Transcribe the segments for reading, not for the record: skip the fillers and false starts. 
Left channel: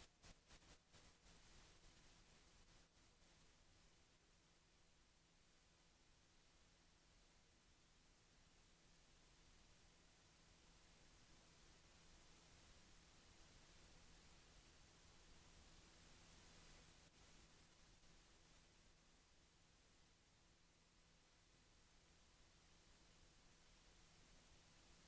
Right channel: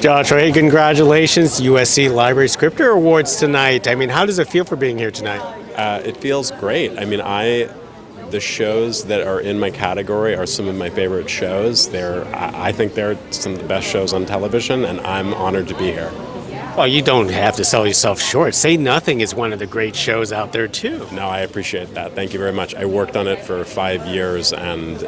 Joshua, hey, congratulations, USC Libraries Scripter Awards tonight. I mean, how does it feel for being here tonight? It feels great. I mean, the shows that are in my category are some of my favorite shows. I think they're some of the best shows on television, and I'm honored to be here. Well, you don't have to sell yourself short. Say Nothing is one of the great shows out there, too. No, I appreciate that. Thank you very much. I worked on it for 5 years, and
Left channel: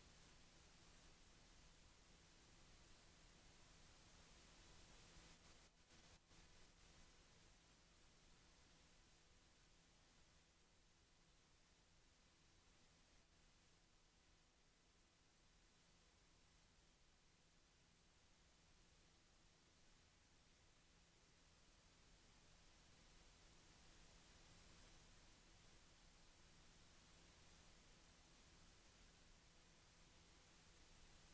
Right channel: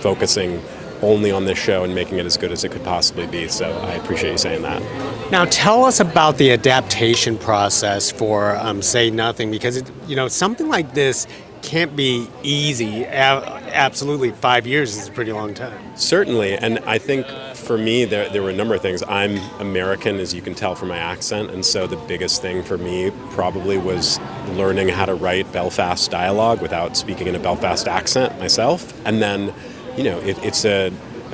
focusing only on this show and making it as good as it could possibly be. So I appreciate you saying that. Now, tell us about the adaptation process for Say Nothing, because something like this can't be easy. Absolutely, 5 years is a pretty long time. Certainly, and I think for me there were a number of things. I'm American, as you can tell from my accent, and so the biggest thing for me probably was learning how to write Belfast dialogue without speaking in a Belfast accent myself. And then, it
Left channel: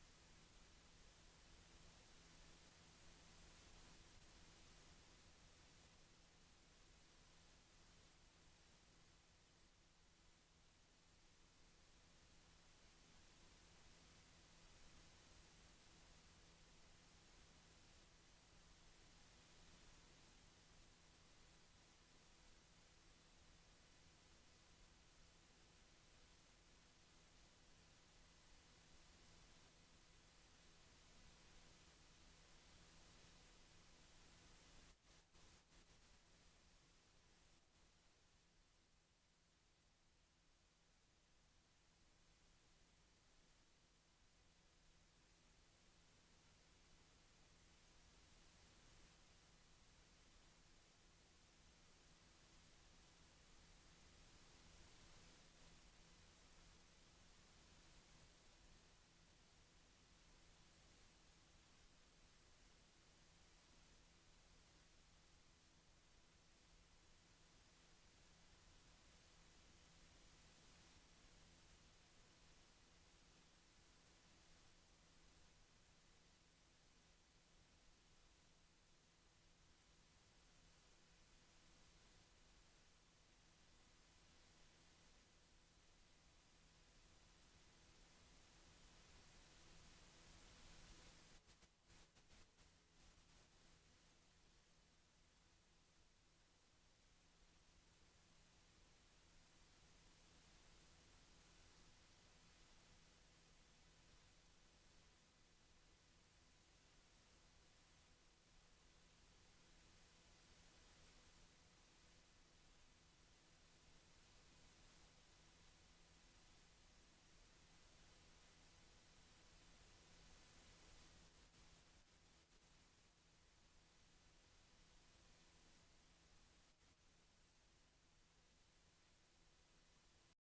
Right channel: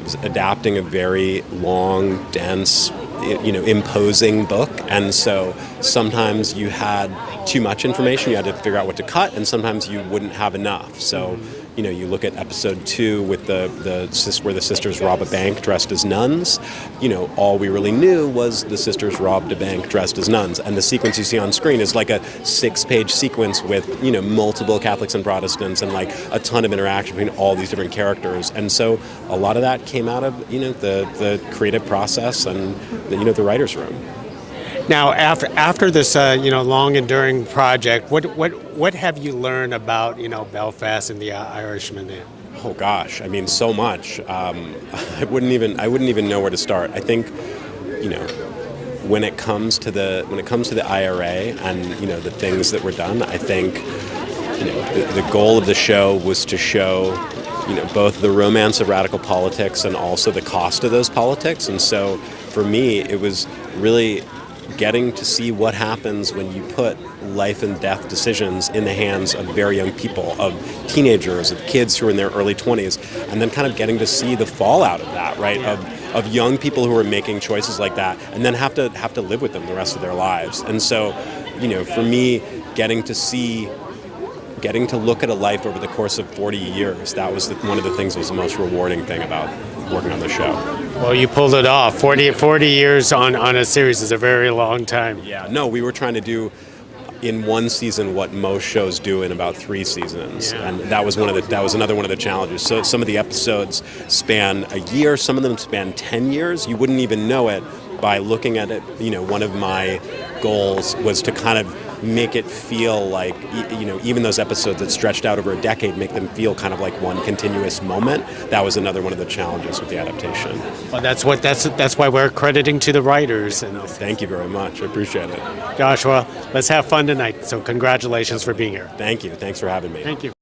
was adapting a very long, dense, imposing book, and so sometimes you had too much information, you had to figure out what to cut, and sometimes you wouldn't have enough. So, you look at episode 2 with where the sisters rob a bank dressed as nuns. All we really knew was the sisters robbed a bank dressed as nuns, and the sequence you see on screen is like a 6-page sequence with multiple Catholics and Protestants and like a ton of interaction between all these different characters. And so a lot of that came out of the creative process and the writer's room. Now, after this long enduring project, what have you learned about Belfast and the Irishman? Oh gosh, I mean, so much. I wouldn't even know where to start. I think, when it comes to the IRA and the things that were done, I think the goal of the show was to show both the romance of radical politics and also the cost of those politics. And so for me, it was really getting to see what happens when you put life and death decisions in the hands of very young people, of teenagers, of kids who are in their early 20s, and then kind of getting to see the fallout of that, right? Yeah. Of young people who are making choices like that, and then have to live with them the rest of their lives. And so, for me, getting to look at a life over the course of 40 years, that was one of the things that was the most rewarding thing about working on the show. Well, you pulled it off. 40 years on a series is a very long time. Yeah, no, we were trying to do in one season what most shows do in about 3 seasons, Yeah. and that was another one of the challenges. So some of the episodes span a year, some of them span 10 years. You wouldn't even know it by looking at it. One of my goals was to kind of make it feel like, even those episodes that stretched out over a decade, make them feel kind of like one continuous moment. That was another one of the challenges with the adaptation. Well, that's why we're crediting to the writers. And Thank you very much. I appreciate it. Joshua, let's have fun tonight. So congratulations for being here. Thank you. Thanks for having me. Thank you.